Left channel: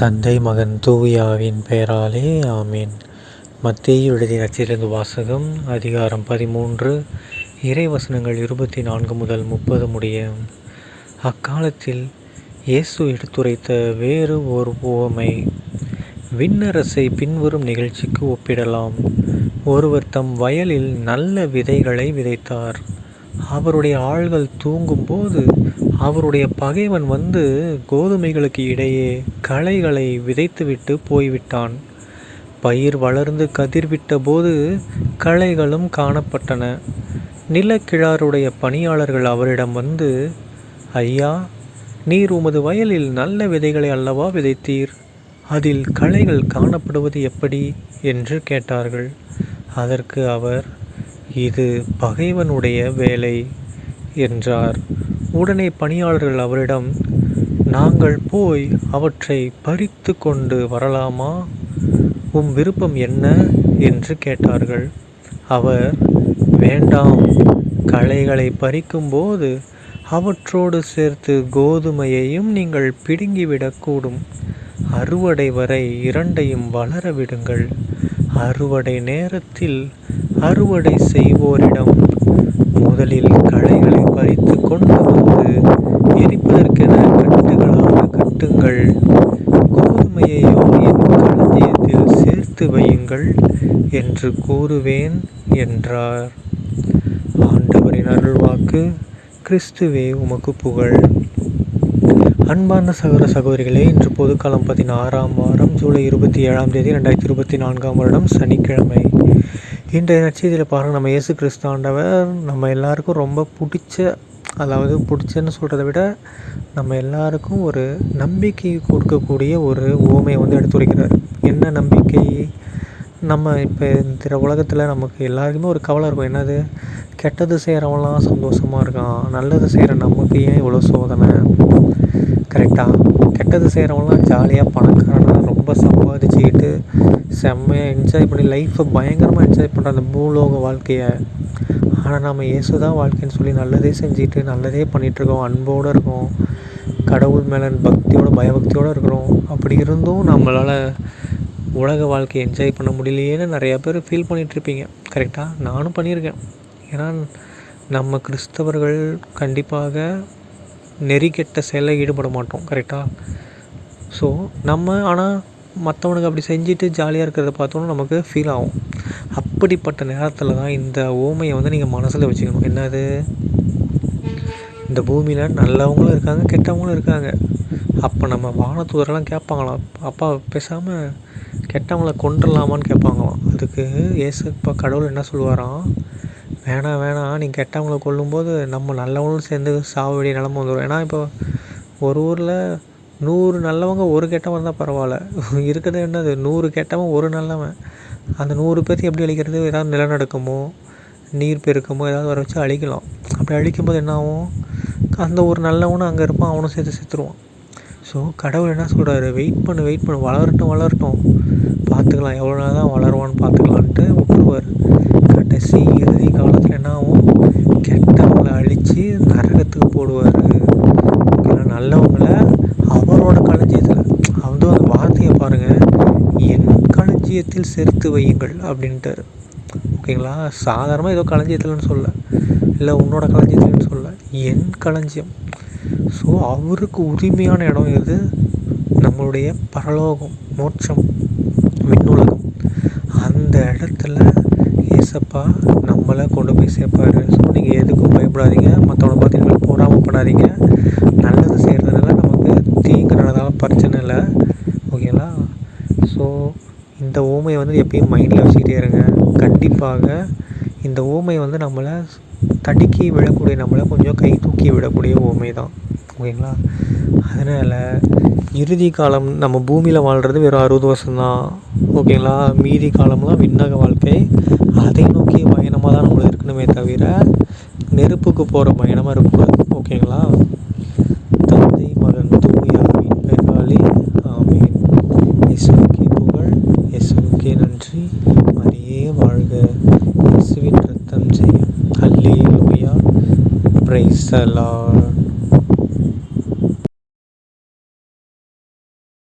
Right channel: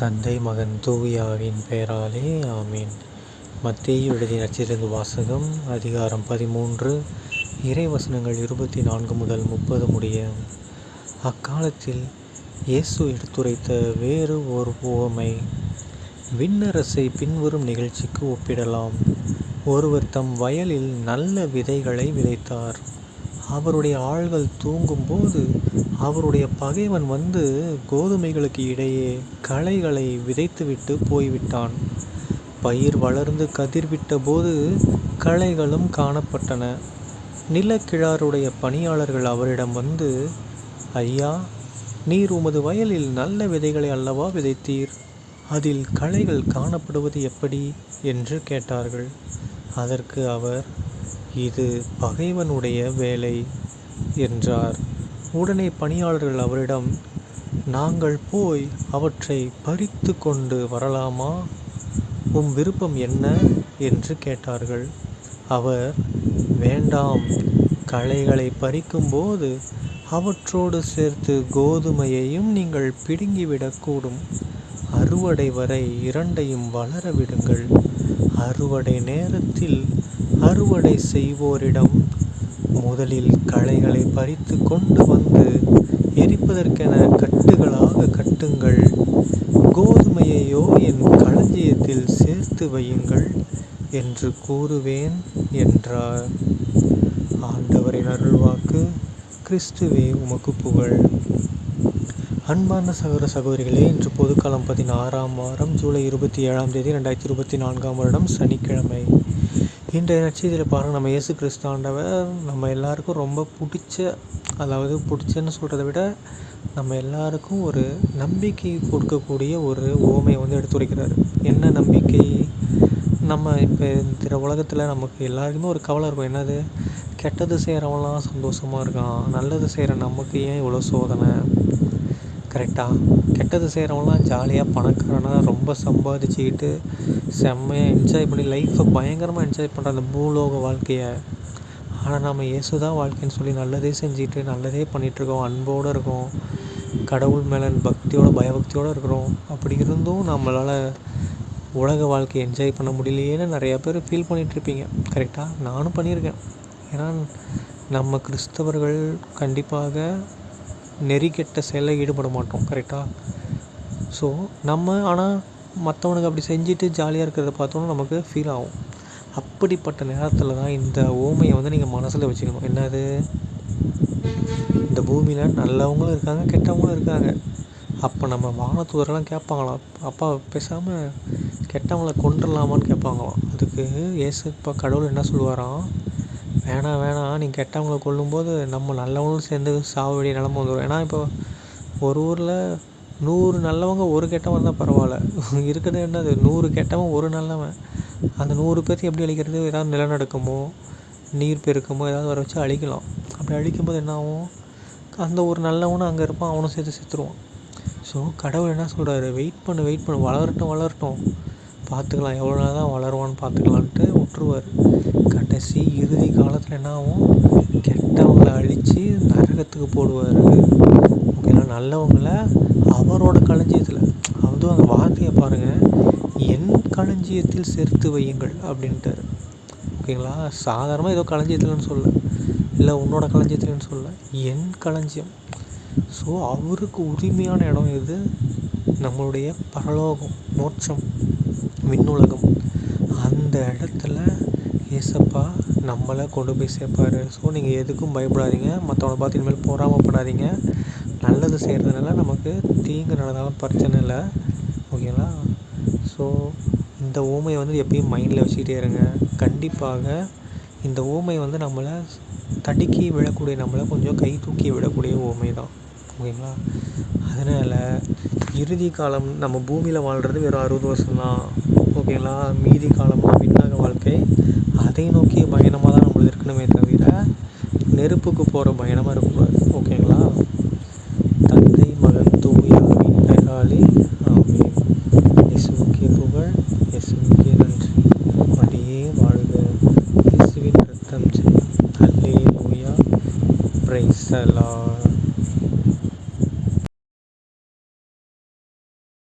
தந்தை மகன் தூயாவின் பெயராலே ஆமேன். மத்தேயு எழுதிய நற்செய்தியிலிருந்து வாசகம். அதிகாரம் 13, இறைவசனங்கள் 24 முதல் 30 முடிய. அக்காலத்தில் இயேசு எடுத்துரைத்த வேறு ஒரு உவமை விண்ணரசை பின்வரும் நிகழ்ச்சிக்கு ஒப்பிடலாம். ஒருவர் தம் வயலில் நல்ல விதைகளை விதைத்தார். அவருடைய ஆள்கள் தூங்கும்போது அவருடைய பகைவன் வந்து கோதுமைகளுக்கு இடையே களைகளை விதைத்துவிட்டு போய்விட்டான். பயிர் வளர்ந்து கதிர்விட்ட போது களைகளும் காணப்பட்டன. நிலக்கிழாருடைய பணியாளர்கள் அவரிடம் வந்து, ஐயா, நீர் உமது வயலில் நல்ல விதைகளை அல்லவா விதைத்தீர், அதில் களைகள் காணப்படுவது எப்படி என்று கேட்டார்கள். அதற்கு அவர், இது பகைவனுடைய வேலை என்றார். உடனே பணியாளர்கள் அவரிடம், நாங்கள் போய் அவற்றை பறித்து கொண்டு வரலாமா, உம் விருப்பம் என்ன என்று கேட்டார்கள். அவர், வேண்டாம், களைகளை பறிக்கும்போது அவற்றோடு சேர்த்து கோதுமையையும் நீங்கள் பிடுங்கிவிடக்கூடும். அறுவடை வரை இரண்டையும் வளர விடுங்கள். அறுவடை நேரத்தில் அறுவடை செய்வோரிடம், முதலில் களைகளை பறித்து கொண்டு வந்து எரிப்பதற்கென கட்டுகளாக கட்டுங்கள். கோதுமையையோ என் களஞ்சியத்தில் சேர்த்து வையுங்கள் என்று கூறுவேன் என்றார். ஆண்டவரின் அருள்வாக்கு. கிறிஸ்துவே உமக்கு புகழ். அன்பார்ந்த சகோதர சகோதரிகளே, இன்று பொதுக்காலம் 16ஆம் வாரம் ஜூலை 27ஆம் தேதி 2024ஆம் வருடம் சனிக்கிழமை. இன்றைய நற்செய்தியில் பாருங்கள், நம்ம இயேசு கிறிஸ்து ஆண்டவர் நம்ம எல்லாருக்கும் ரொம்ப பிடிச்சன்னு சொல்கிறத விட நம்ம எல்லாருக்கும் ஒரு நம்பிக்கை கொடுக்கக்கூடிய ஒரு உவமையை எடுத்துரைக்கிறார். என்ன நம்பிக்கை? நம்ம இப்போ இந்த உலகத்தில் நமக்கு எல்லாருக்குமே ஒரு கவலை இருக்கும். என்னது? கெட்டது செய்கிறவங்களாம் சந்தோஷமாக இருக்கான், நல்லது செய்கிற நமக்கு ஏன் இவ்வளோ சோதனை? கரெக்டாக? கெட்டது செய்கிறவங்களாம் ஜாலியாக பணக்காரனாக ரொம்ப சம்பாதிச்சுக்கிட்டு செம்மையாக என்ஜாய் பண்ணி லைஃப்பை பயங்கரமாக என்ஜாய் பண்ணுற அந்த பூலோக வாழ்க்கையை. ஆனால் நம்ம இயேசு தான் வாழ்க்கைன்னு சொல்லி நல்லதே செஞ்சுட்டு நல்லதே பண்ணிகிட்ருக்கோம், அன்போடு இருக்கோம், கடவுள் மேலே பயபக்தியோடு இருக்கிறோம். அப்படி இருந்தும் நம்மளால் உலக வாழ்க்கையை என்ஜாய் பண்ண முடியலையேன்னு நிறையா பேர் ஃபீல் பண்ணிகிட்ருப்பீங்க. கரெக்டாக? நானும் பண்ணியிருக்கேன். ஏன்னா நம்ம கிறிஸ்தவர்கள் கண்டிப்பாக நெறிக்கெட்ட செயலில் ஈடுபட மாட்டோம். கரெக்டாக? ஸோ ஆனால் மற்றவனுக்கு அப்படி செஞ்சுட்டு ஜாலியாக இருக்கிறத பார்த்தோன்னா நமக்கு ஃபீல் ஆகும். அப்படிப்பட்ட நேரத்தில் தான் இந்த ஓமையை நீங்கள் மனசில் வச்சுக்கணும். என்னது? இந்த பூமியில் நல்லவங்களும் இருக்காங்க, கெட்டவங்களும் இருக்காங்க. அப்போ நம்ம வானத்தூதரெல்லாம் கேட்பாங்களாம், அப்பா பேசாமல் கெட்டவங்கள கொண்டுடலாமான்னு கேட்பாங்களாம். அதுக்கு ஏசப்பா கடவுள் என்ன சொல்லுவாராம், வேணாம், நீங்கள் கெட்டவங்களை கொல்லும்போது நம்ம நல்லவங்களும் சேர்ந்து சாவ வேண்டிய நிலமை வந்துடும். ஏன்னா இப்போ ஒரு ஊரில் 100 நல்லவங்க ஒரு கெட்டவன் தான் பரவாயில்ல, இருக்கிறது என்னது 100 கெட்டவன் ஒரு நல்லவன். அந்த 100 பேர்த்து எப்படி அழிக்கிறது? ஏதாவது நிலநடுக்கமோ நீர் பெருக்கமோ ஏதாவது வர வச்சு அழிக்கலாம். அப்படி அழிக்கும்போது என்ன ஆகும்? அந்த ஒரு நல்லவனும் அங்கே இருப்பான், அவனும் சேர்த்து செத்துருவான். ஸோ கடவுள் என்ன சொல்கிறாரு, வெயிட் பண்ணு, வளரட்டும், பார்த்துக்கலாம், எவ்வளோ நாள் தான் வளருவான்னு பார்த்துக்கலான்ட்டு விட்டுருவார். கடைசி இறுதி காலத்தில் என்ன ஆகும்? கெட்டவங்களை அழித்து நரகத்துக்கு போடுவார். நல்லவங்களை அவரோட களஞ்சியத்தில், அந்த வார்த்தையை பாருங்கள், என் களஞ்சியத்தில் சேர்த்து வையுங்கள் அப்படின்ட்டார். ஓகேங்களா? சாதாரணமாக ஏதோ களஞ்சியத்தில்னு சொல்ல, இல்லை உன்னோட களஞ்சியத்தில்னு சொல்ல, என் களஞ்சியம். ஸோ அவருக்கு உரிமையான இடம் இது நம்மளுடைய பரலோகம், மோட்சம், விண்ணுலகம். அந்த இடத்துல ஏசப்பா நம்மளை கொண்டு போய் சேர்ப்பார். ஸோ நீங்கள் எதுக்கும் பயப்படாதீங்க, மற்றவனை பார்த்து நீங்கள் பொறாமப்படாதீங்க. நல்லது செய்கிறதுனால நமக்கு தீங்கு நடந்தாலும் பிரச்சனை இல்லை. ஓகேங்களா? ஸோ இந்த ஊமையை எப்பயும் மைண்டில் வச்சுக்கிட்டே இருங்க. கண்டிப்பாக இந்த ஊமை நம்மளை தடுக்கி விடக்கூடிய, நம்மளை கொஞ்சம் கை தூக்கி விடக்கூடிய ஊமை தான். ஓகேங்களா? அதனால் இறுதி காலம் நம்ம பூமியில் வாழ்கிறது வெறும் 60 வருஷம்தான். ஓகேங்களா? மீதி காலம்லாம் விண்ணக வாழ்க்கை. அதை நோக்கிய பயணமாக தான் நம்மளுக்கு இருக்கணுமே தவிர நெருப்புக்கு போகிற பயணமாக இருக்கக்கூடாது. ஓகேங்களா? தந்தை மகன் தூயாவின் பெயராலே ஆமென். இயேசுவுக்கே புகழ், இயேசுவுக்கே நன்றி, மரியே வாழ்க, இயேசுவின் ரத்தம் ஜெயம். அல்லேலூயா, பிரைஸ் தி லார்ட்.